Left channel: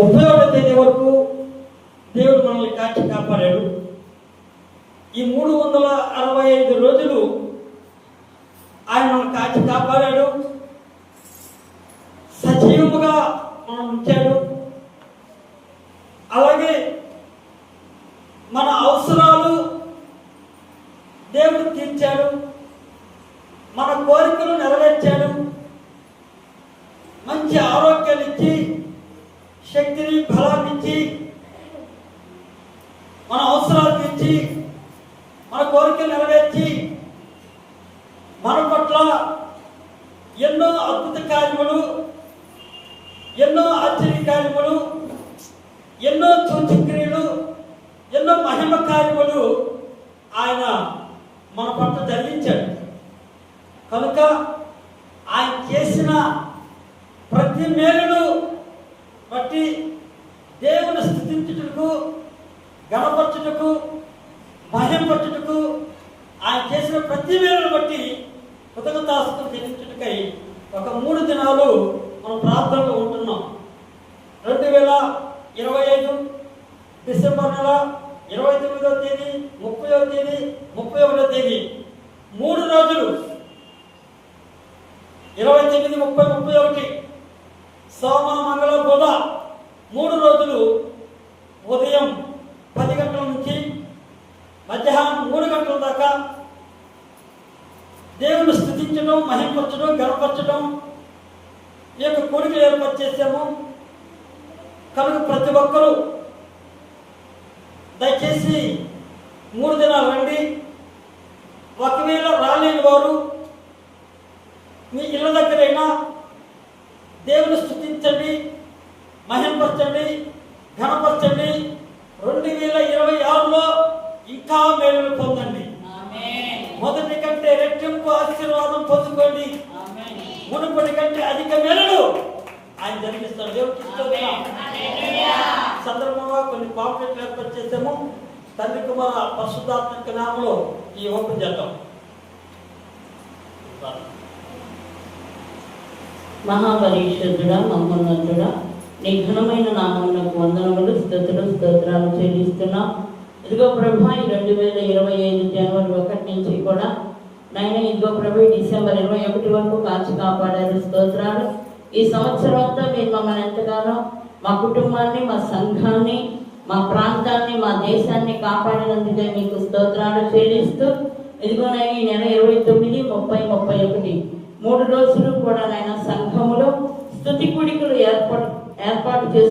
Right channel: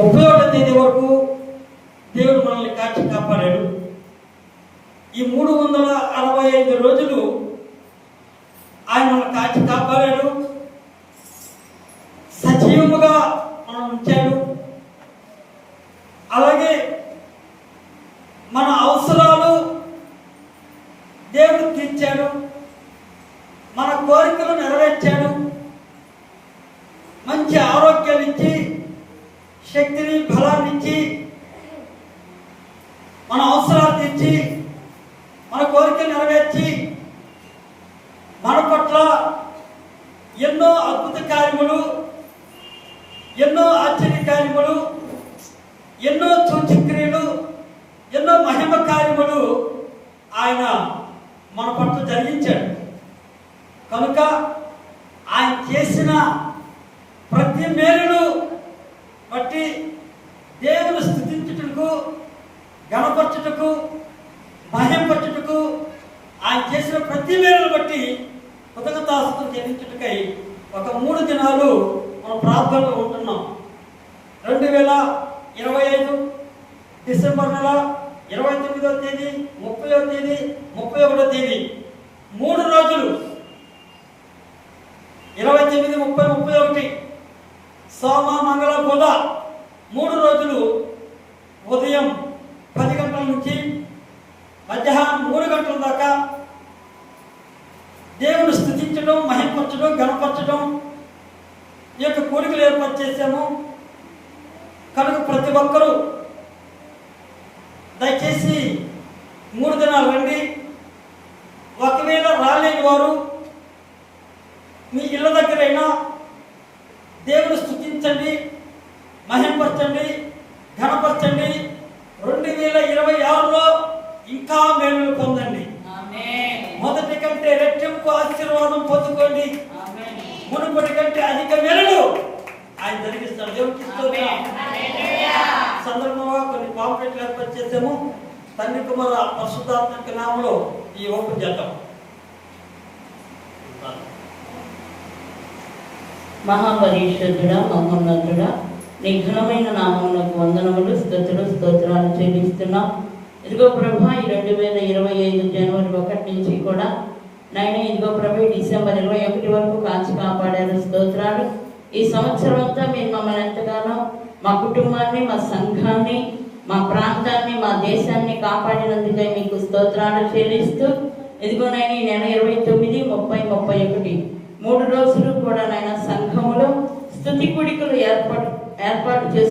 31వ తేదీ వరకు దేవుడు మనల్ని కాచి కాపాడాడు. ఈ 365 రోజులు ఆయన మనల్ని కాచి కాపాడాడు, సజీవముగా మనం ఉంచాడు. అలాగే మన అవసరాలు దేవుడు తీర్చాడు, మన కోరికలు నెరవేర్చాడు, మంచి ఆరోగ్యాన్ని ఇచ్చి, శక్తిని, బలాన్ని ఇచ్చి, మన అవసరాలు తీర్చి, మన కోరికలు నెరవేర్చి, మన పట్ల ఎన్నో అద్భుత కార్యములు, ఎన్నో ఆశ్చర్య కార్యములు, ఎన్నో సూచక్రియలు, ఎన్నో మహిమ కార్యములు ఆయన మన పట్ల జరిగించాడు. కనుక ఆయన చేసిన ప్రతి మేలును బట్టి దేవుని స్తుతించుటకు, గణపరచుటకు, మహిమపరచుటకు, ఆయన చేసిన ప్రతి మేలును బట్టి కృతజ్ఞతాస్తుతులు చెల్లించుటకై ఒక 3 దినాలు మనం ప్రార్థనలో ఉంటున్నాం. 2025 డిసెంబర్ నెల 29వ తేదీ, 30వ తేదీ, 31వ తేదీ 3 రోజులు, 29, 30, 31 సోమ, మంగళ, బుధ 3 రోజులు ఉదయం 10 గంటల నుంచి మధ్యాహ్నం 3 గంటల దాకా దేవుని స్తుతించడం, మహిమపరచడం, గణపరచడం ఈ యొక్క కోరికలు ఏర్పాటు చేశాము. కనుక ప్రతి ఒక్కరూ దయచేసి 3 దినాలు రండి. ఒకవేళ రాలేని వారు మీ ఇళ్ళ దగ్గరైనా దేవుని స్తుతించండి, మహిమపరచండి, ఘనపరచండి. 2026లో ఇంకా మేలులు పొందండి. మొదటి కంటే రెట్టింపు ఆశీర్వాదం పొందుకోండి. మునుపటి కంటే అధిక మేలులు ఆయన జరిగిస్తాడు. దేవుడికి సందర్భంగా కొన్ని పాంప్లెట్లు ఏర్పాటు చేసాము. తండ్రి, కుమార, పరిశుద్ధాత్మ నామములో ఈ ఓపెన్ చేద్దాం. మహాపరిషుద్ధుడా, మహోన్నతుడా, నీ ఘనమైన నామములకు వందనములు, స్తుతులు, స్తోత్రాలు చెల్లిస్తున్నాం. ఇదిగో ప్రభా, ఈ 2025 జనవరి 1 నుంచి కూడా నాయన ఇదిగో ప్రభా డిసెంబర్ 21 వరకు కాచి కాపాడారు. స్తోత్రాలు. ఈ సంవత్సరం అంతా మీరు మమ్మల్ని ఎంతగానో, మా కుటుంబాన్ని, మా సంఘాన్ని, మా ప్రాంతాన్ని, మా దేశాన్ని కాపాడినందుకే మీకు స్తోత్రాలు చెల్లిస్తూ ఇదిగో నాయన ఈ నెల 29, 30, 31 3 రోజులు కూడా నాయన సంఘములో స్తుతి కూడికలు ఏర్పాటు చేసి